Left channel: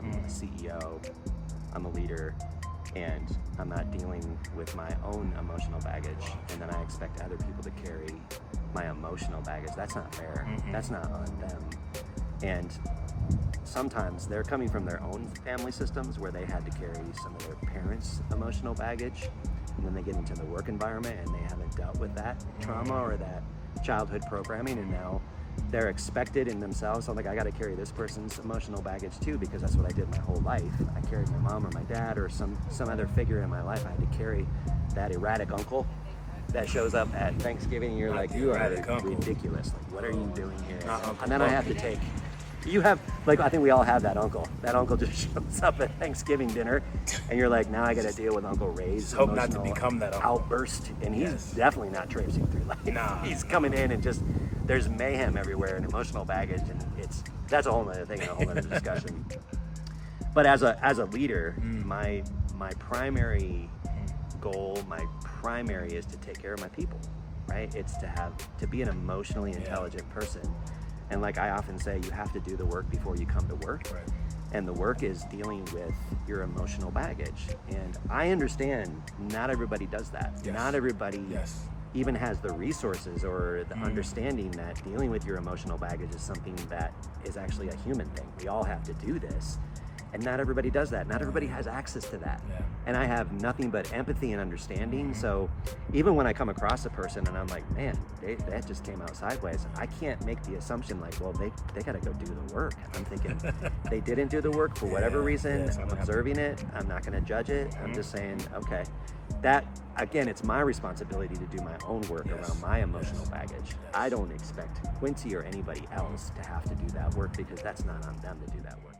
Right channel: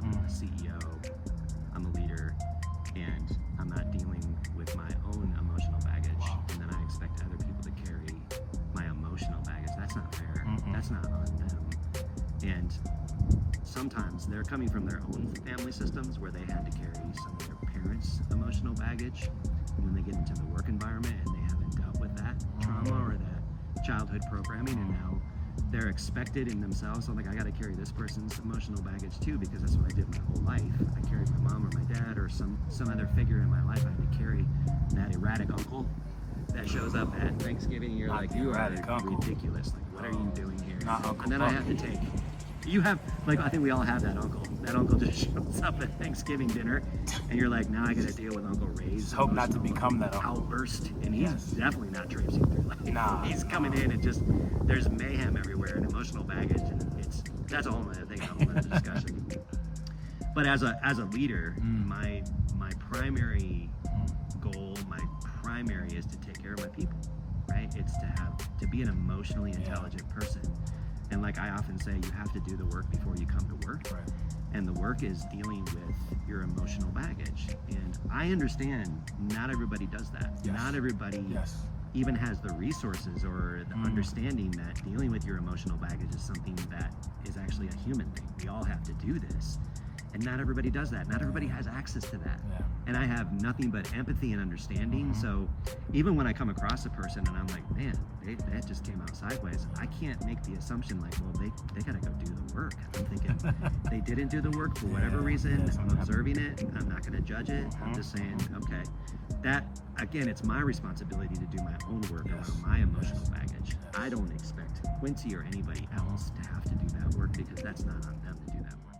I'm a CEO, I'm a leader, and I'm not dealing with my own emotional baggage, and then I expect other people to carry my emotional baggage. That's not fair. That's not on them. And sometimes they're coming from their own family systems where they had to carry some of their parents' emotional baggage, and then they get into the work environment and they haven't dealt with that trauma or that childhood programming, and now they're expected in themselves. So I'm like, I got to carry this person's emotional baggage too, because that's what I did my whole life. I carried my mom or my dad or some other figure in my life. I had to carry that erratic uncle that shows up at Thanksgiving, and you're like, you are ridiculous. Like, what are you doing here? And then I have to take. You have, like, I think we all have that uncle. That uncle just shows up at Thanksgiving dinner, and you're like, now I got to deal with Uncle Ray's hope not to become that uncle. Outburst, and he's definitely not traipsing through life. He's coming in and just there's mayhem everywhere and emotional baggage, and that's a whole other thing, a whole other discussion. But as a leader, my primary goal, my primary is to take care of my people, right? It's to be an emotionally intelligent person. And like I often say, you have to do the work before you come to work. Right. And the work is dealing with your emotional baggage. And I understand not everybody does that. Yes. Not everybody even has the resources or the understanding that dealing with your emotional baggage is something that is actually a human thing. We all have to do this. And not everybody does that. Not everybody has access to that. Yeah. And I have nothing but empathy and understanding. So even when I come across a person and I'm like, man, that just came out sideways, I can't make the assumption like, well, they got to go do the work. I'm thinking they didn't do the work for whatever reason. I'm observing it. I'm not going to judge it. I'm just saying, okay, that, again, it's my responsibility to do my own work around my emotional baggage. I don't expect Quincy or anybody else to have to do that work, because that's not on them to do that work.